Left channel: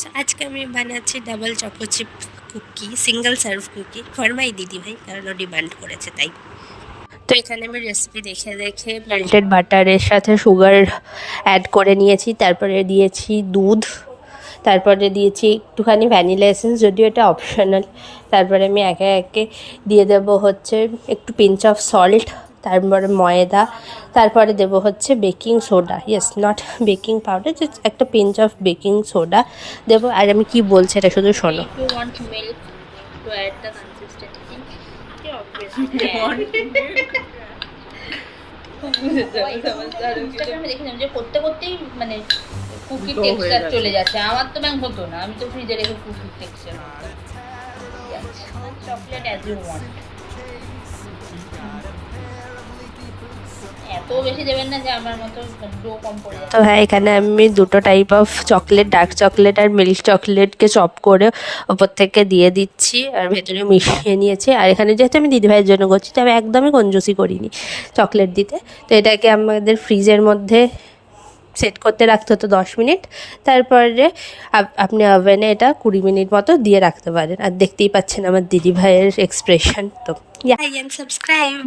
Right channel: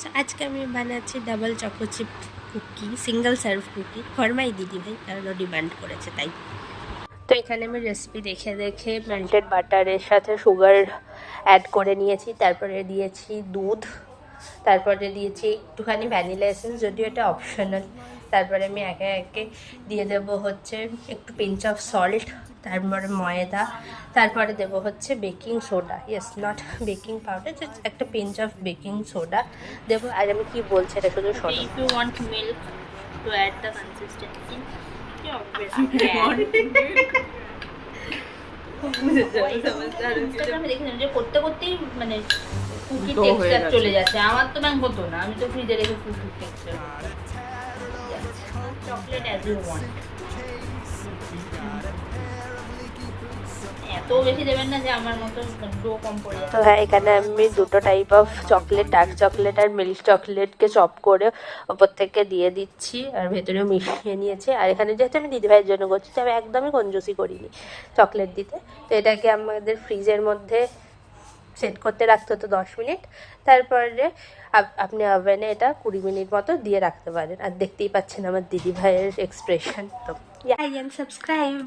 So আজকে আমি বানাচ্ছি double choco chip cookie, single serve cookie. ফরমাই দিদি ভাই, কারণ ও ডিমান্ড করেছে তাই। তো এখানে আমি রেসিপি দেখে দেখে মেল্টেড বাটারের সাথে সুগার অ্যাড করে নিয়েছি, তারপরে দিয়েছি দুধ, তারপরে দিয়েছি একটুখানি ভ্যানিলা এসেন্স, যদিও এটা অপশনাল। তারপরে আমি একে একে দিয়ে দেবো হচ্ছে একটু পিঞ্চ অফ সল্ট, তারপরে ময়দা, তারপরে দেবো হচ্ছে baking soda, yes not baking powder, just একটা পিঞ্চ অফ বেকিং সোডা দেবো। আর আমি কি বলছি এটা শুধু শোনো। If you want milk to add the consistency, you ইনস্টাগ্রামে দেখেছিলাম যে করতে করতেই মানে কুকির টেক্সচার চলে যাচ্ছে। আমার তো ম্যাম হতো না, আমি তো ফ্রিজে রেখে কুকির texture chocolate as you want. এত বেশি দেবেন না যে আমার মতো ডো কম পড়ে যাবে। তো হ্যাঁ, এখানে আমি দুটো type of chocolate, dark chocolate আর মিল্ক চকলেটকে চপ করে ওপর থেকে দিয়ে দিচ্ছি আর ভেতরে মিশিয়ে নিয়েছি। আর এখানে যেহেতু আমি দিদিভাইয়ের জন্য করছি, তো আমি একদমই কঞ্জুসি করিনি চকলেট দিতে। তো এটাকে আমাদের ফ্রিজের মধ্যে সেট করতে রাখতে হতো 10 মিনিট। তারপরে আপনি ওভেনে এটা 20 মিনিট মতো দিয়ে রাখতে পারেন। আর দেখতেই পাচ্ছেন আমার দিদিভাইয়ের এক্সপ্রেশন। তো আই এম সাবস্ক্রাইব।